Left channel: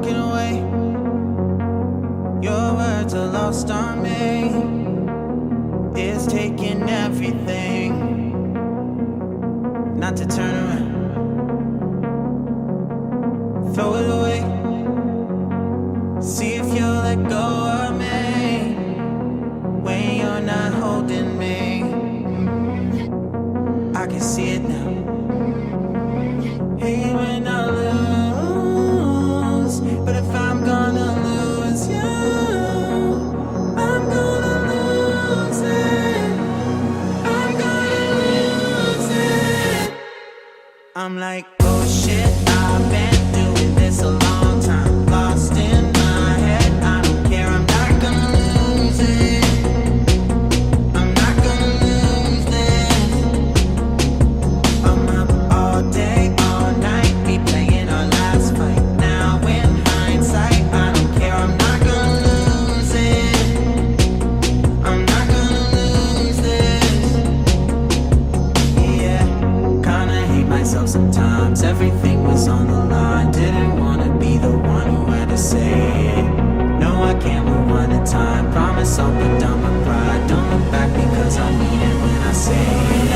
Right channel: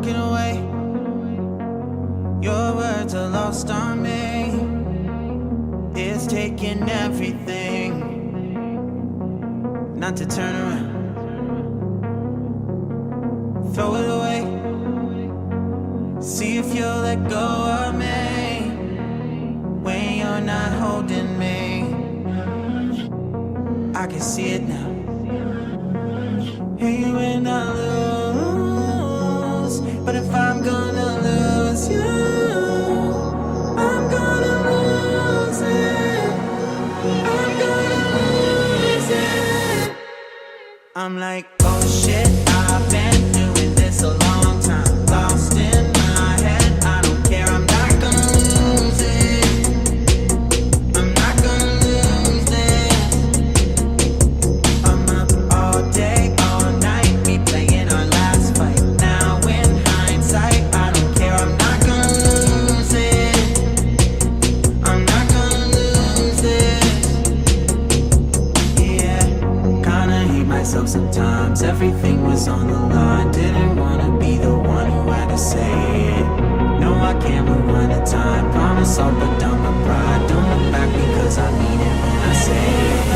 walking away. Your words are lost on me. It's taking everything not to turn around. Throw it away. See if you'll let go of me when you're not holding me. I can see it now. Hey, when I lose, but if I'm gonna lose you, I'm gonna lose it. I'm gonna lose it. I'm like, oh shit, I've been doing this a long time. Lost in my head, I don't care, I'm not gonna lose it. I'm not gonna lose this. I'm up all day, all night, we playing our last fight. Now in hindsight, I don't care, I'm not gonna lose it. I'm not gonna lose this. Yeah, kinda hate myself sometimes. Everything was on the line. Didn't wanna be the one who had to say it. No, I can't rewind the time. Promise I'll put down my pride. Don't look back because I mean it when I say it.